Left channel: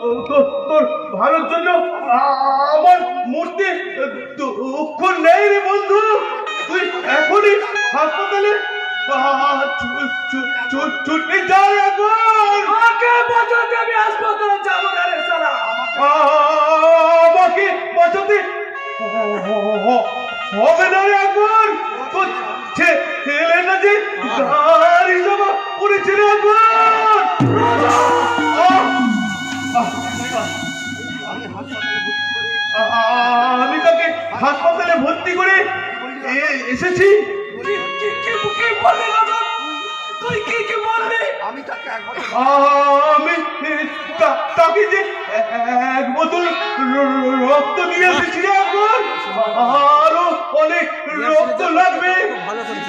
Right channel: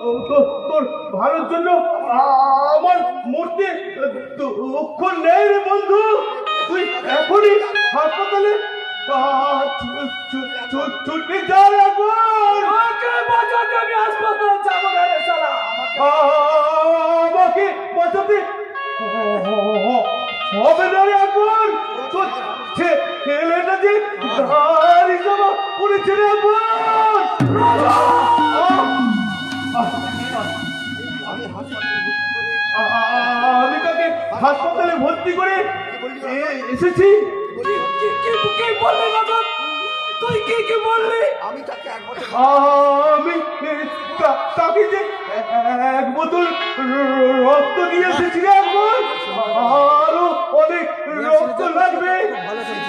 তোর তোর ভালোর জন্য আমার মূর্তি দুঃখ নেই রে বন্ধু। তুই এখনই হাসপাতালে ছুটে যা এখন আমাকে পর্যন্ত আমি হাসপাতালে যাব না রে শালা। আমাকে বাঁচাতে হবে না রে এখন তোর ছে- ছেলে না যে গাড়ি জমা পড়েছে রে এখন হাসপাতালে ভর্তি করে এ- এসেছি। তুই কি কি বললি? আমি তাকে যে এক বোতল রক্ত দিয়ে এসেছি এখন আরও অনেক রক্ত লাগবে।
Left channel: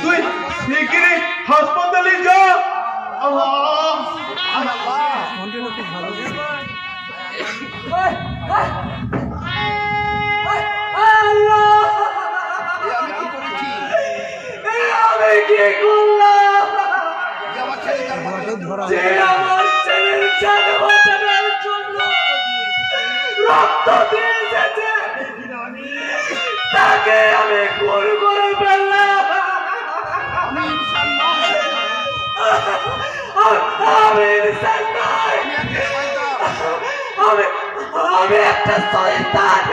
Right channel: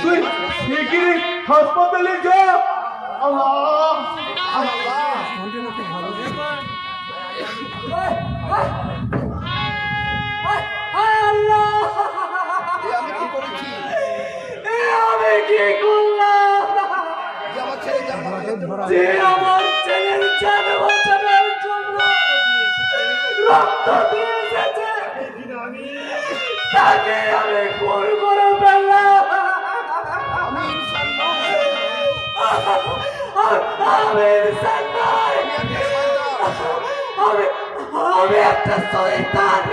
তুই শিগগিরই হাসপাতালে যা। আহ, জানো যে আমার ছেলের জান বাঁচানোর জন্য রক্ত দিয়ে এসেছে। তাকে আমি খুন করে ফেললাম। আমি ইনসান আমি আমি একটা শয়তান।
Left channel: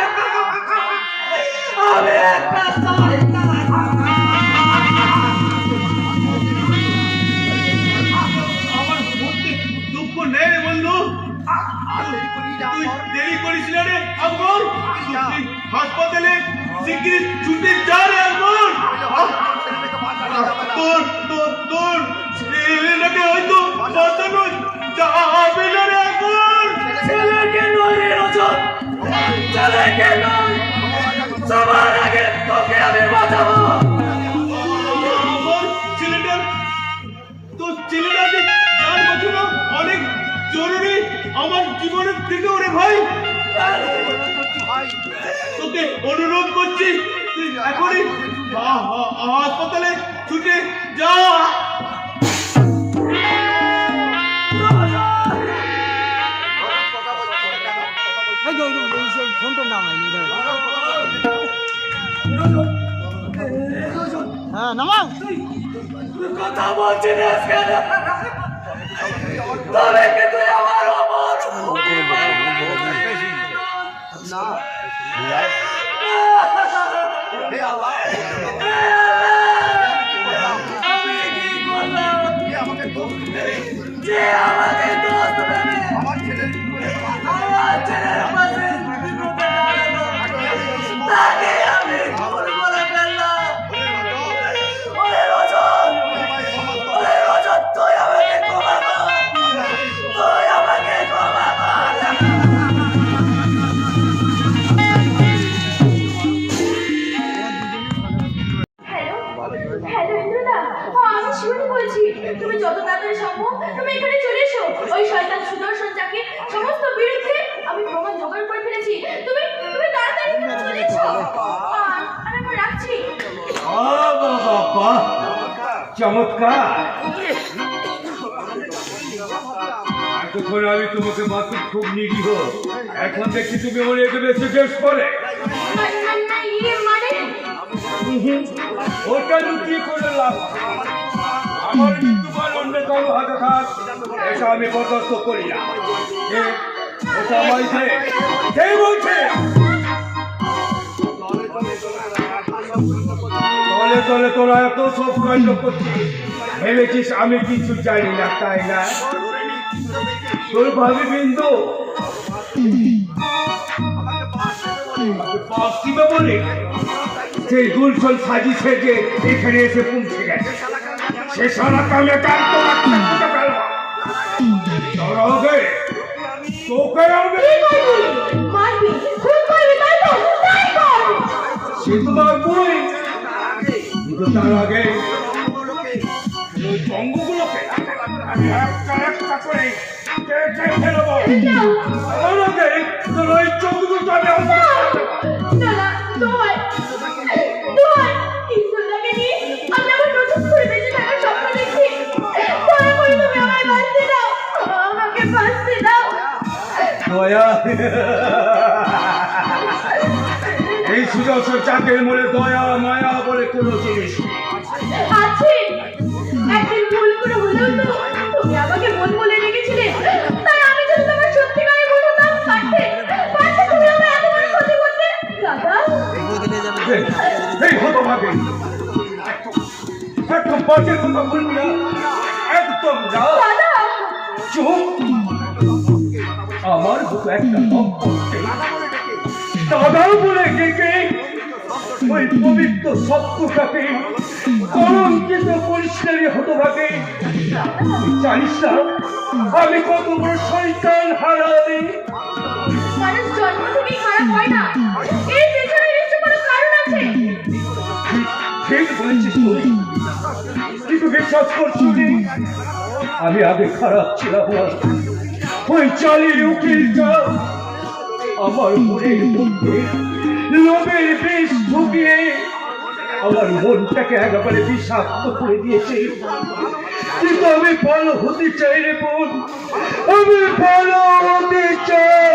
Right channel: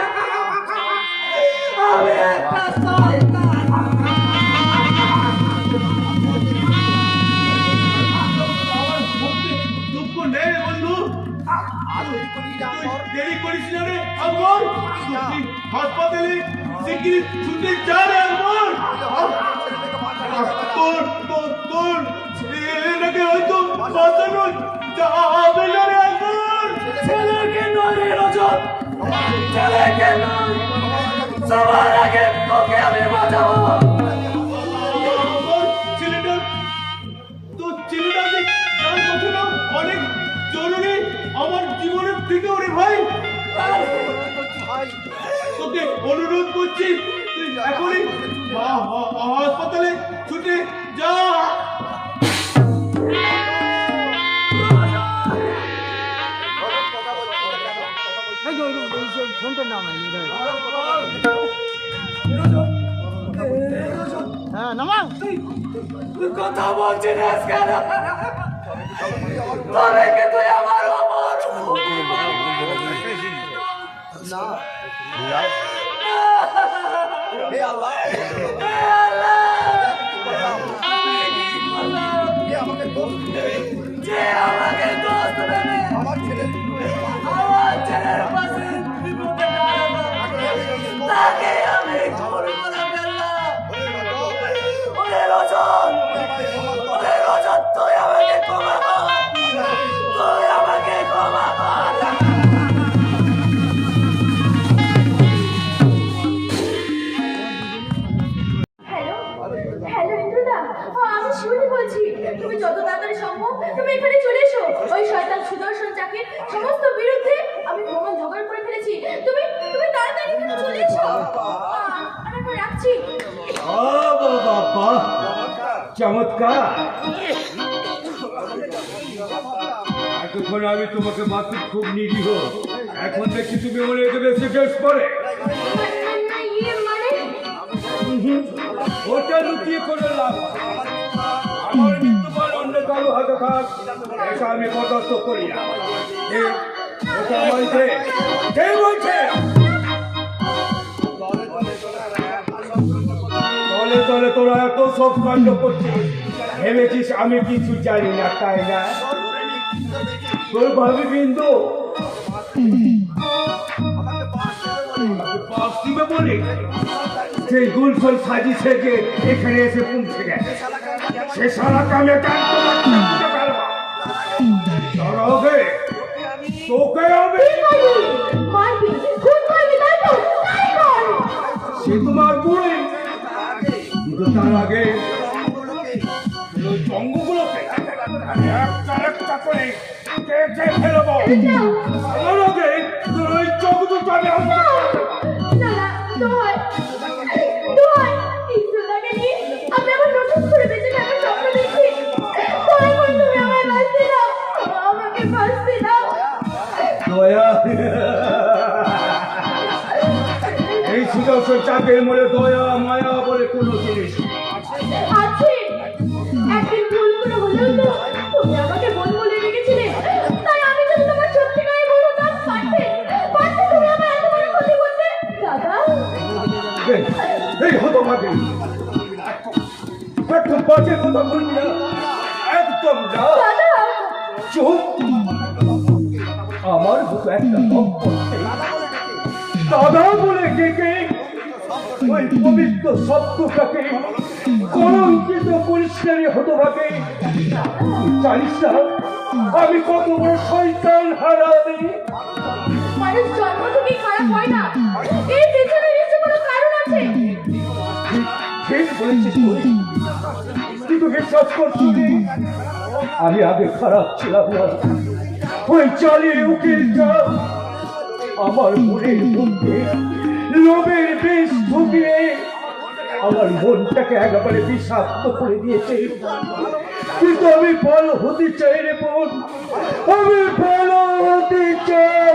আমি একটা শয়তান। সবার আগে তোকে আমি বাঁচাবো। অনেক জরুরি আমার জীবনের থেকে ওরে ভাই। ভাই তোকে অনুরোধ করছি তুই এখনই হাসপাতালে ছুটে যা। ফোনটা নাম কথা বলছিস কেন? তবে কি তুই আমার যে আমাকে দোষ আমার ছেলে। আমার ছেলের সমস্ত বিরুদ্ধে আমি প্রমাণ জোগাড় করে ফেলেছি। তুমি তুমি তাড়াতাড়ি চলে এসো। আমি রাখছি। চমৎকার। আমি তোমাকে মাত্র খুব নিরীহ। এখন দেখছি তুমি অনেক বেশি বেশ করে। ওটা লুকিয়ে করে লাভ। আমার মৃত্যুকাল অন্য কারও হাতে থাক এটা আমি বরদাস্ত করি না? কে বলছে? সব কাণ্ড ভেবেছিস আমি কিছু জানি না তাই না তোর ভাবি বিন্দু দিবে বলে যে গুলশন সাজি সেজে এখানে এসে পৌঁছে গেছে সে সারা কামে কাজ তোকে হবে মারবি? খুন করবি? তাই তো তাই কর সে তো মারবই কিন্তু তার আগে। ওই আমি একটা একটা করে কেটে ফেলব। আমার আগে তোর ওই চোখ দুটো আমি ভাবে একদম বাজে কথা বলবি না একদম না চুপ। আমার মতো একটা দাদা বলে ডেকে ওই পবিত্র শব্দটাকে কলঙ্কিত পরিষ্কারই হতো ভাবে জানিস না, আমি কত বড় শয়তান হারাবে বিশ্বাস করছি আমি আগে খারাপ ছিলাম না। ওই চালি উকিলটা আমার মনের মধ্যে লোভের বিষ ঢুকিয়ে আমার মনটাকে একেবারে বিষাক্ত করে দিয়েছে। কিন্তু আমি ভালো হতে চাই রে বোন। আমি ভালো হতে চাই।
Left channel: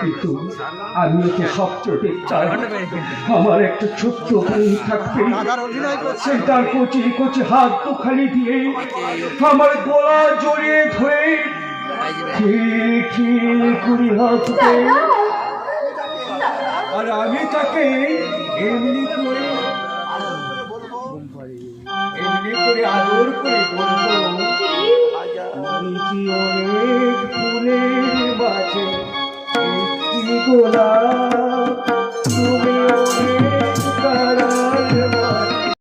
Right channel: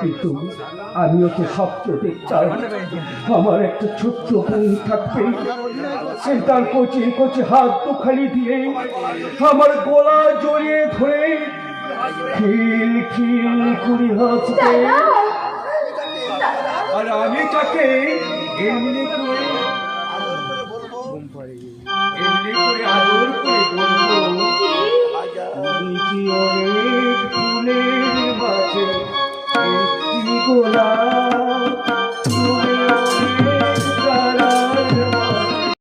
কিন্তু আমিও তো সবচেয়ে দেখতে আমার একটা ছোট্ট বোন থাকবে সে তার কচি কচি হাত দুখানি দিয়ে আমার গলা জড়িয়ে ধরে খিল খিল আর আমি তাকে এমনি করে এমনি করে তুমি কি